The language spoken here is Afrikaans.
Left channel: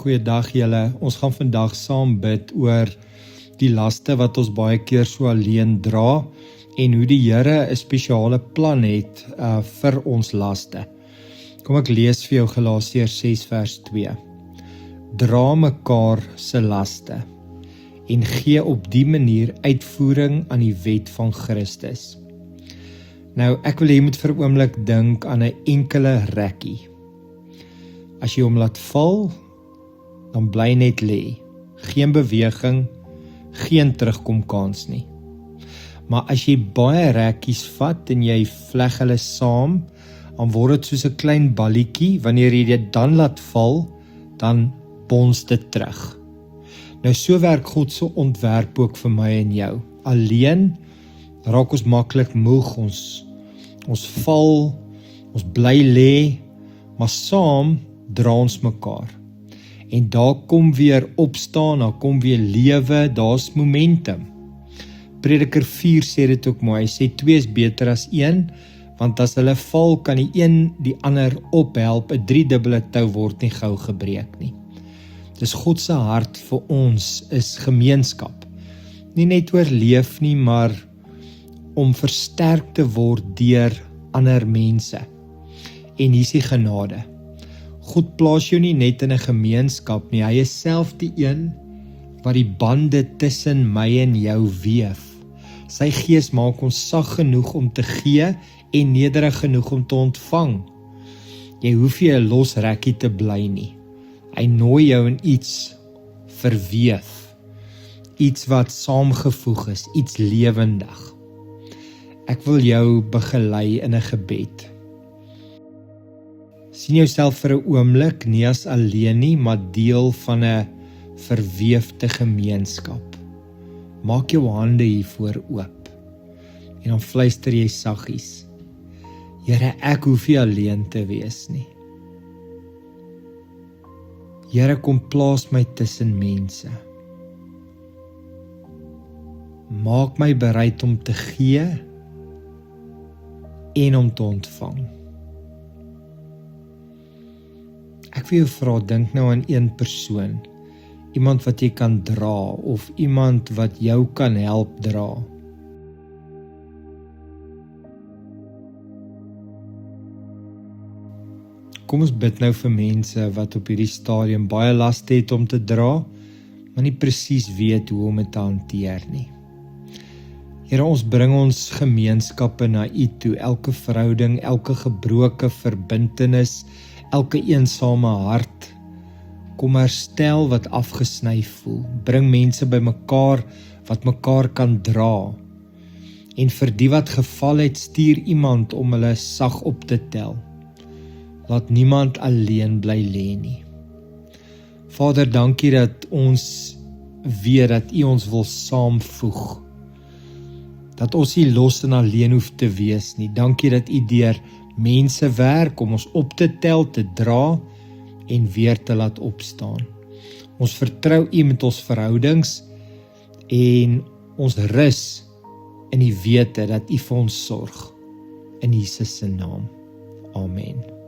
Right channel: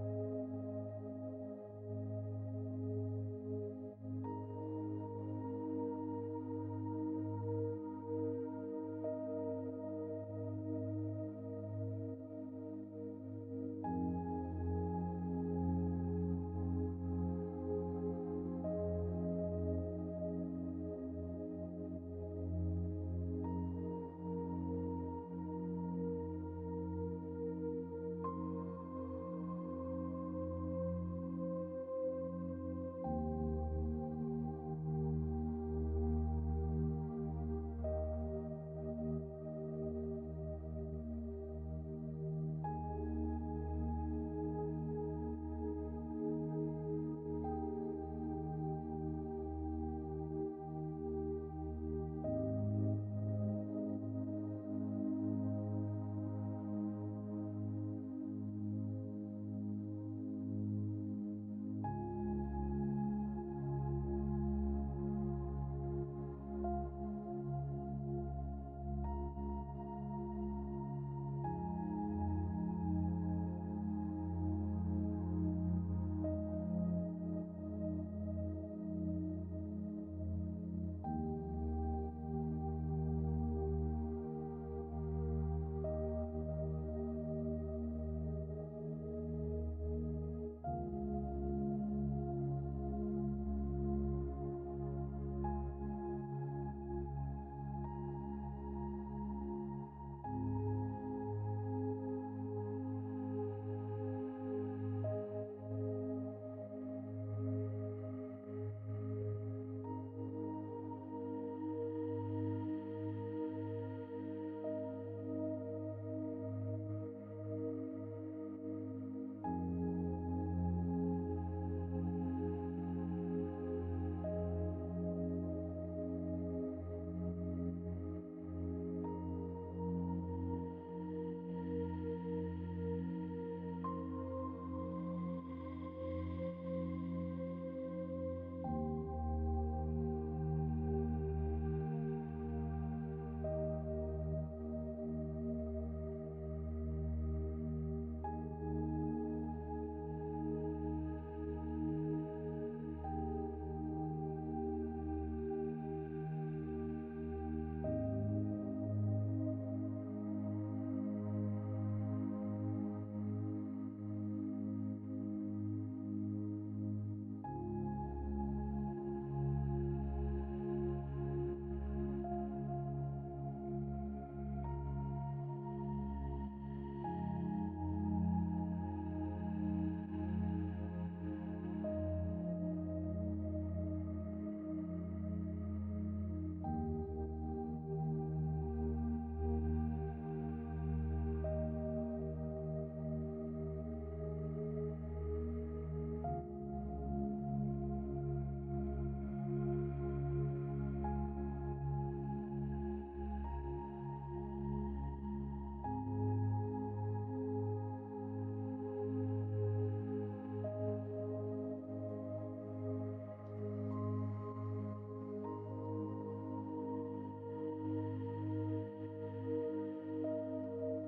Goeiedag julle. Ons gaan vandag saam bid oor die laste wat ons baie keer so alleen dra en hoe die Here 'n spesiale plan het vir ons laste. Kom ek lees vir jou Galasiërs 6 vers 2. Dra mekaar se laste en gee op die manier uitvoering aan die wet van Christus. Nou, ek wil hê jy moet vir 'n oomblik dink aan 'n enkele rekkie. As jy hom laat val, dan bly net lê. Geen beweging, geen terugkomkans nie. Maar as jy baie rekkies vat en jy vleg hulle saam, dan word dit soos 'n klein balletjie. Wanneer jy dit dan laat val, dan bons dit terug. Nou so werk God se ontwerp ook vir my en jou. Alleen raak ons maklik moeg, ons val, ons bly lê, maar saam dra ons mekaar. En daar kom weer opstaan, daar kom weer lewe, daar's momentum. Prediker 4 sê dit ook mooi, hy sê 2 is beter as 1, want as hulle val, kan die een die ander ophelp, 'n 3-dubbele tou word nie gou gebreek nie. Dis God se hart vir ons is gemeenskap. Nie net oorleef nie, maar om versterk te word deur ander mense. En hier is die genade. God plaas jou nie net in 'n gemeenskap nie, hy is self die een wat die bande tussen my en jou weef. Sy gees maak ons sag genoeg om te gee en nederig genoeg om te ontvang. Jy hoef nie 'n los rekkie te bly nie. Hy nooi jou in iets verweef, iets wat saamgevoeg is, iets lewendig. Ek wil jou begelei in 'n gebed. Sien jouself vir 'n oomblik nie as alleen nie, maar deel van 'n verweefde gemeenskap. Maak jou hande hiervoor oop en dan fluister jy saggies. Here, ek hoef nie alleen te wees nie. Here, kom plaas my tussen mense. Maak my bereid om te gee en om te ontvang. Ek wil jou vra, dink nou aan een persoon, iemand wat jy kan dra, of iemand wat jou kan help dra. Kom ons bid nou vir mense wat op hierdie stadium baie laste het om te dra, maar nie presies weet hoe om dit te hanteer nie. Here, ons bring ons gemeenskappe na U toe, elke verhouding, elke gebroke verbintenis, elke eensame hart. Kom herstel wat afgesny voel. Bring mense by mekaar wat mekaar kan dra. En vir die wat geval het, stuur iemand om hulle sag op te tel. Laat niemand alleen bly lê nie. Vader, dankie dat ons weet dat U ons wil saamvoeg. Dat ons nie los en alleen hoef te wees nie. Dankie dat U deur mense werk om ons op te tel, te dra en weer te laat opstaan. Ons vertrou U met ons verhoudings en ons rus in die wete dat U vir ons sorg. In Jesus se naam. Amen.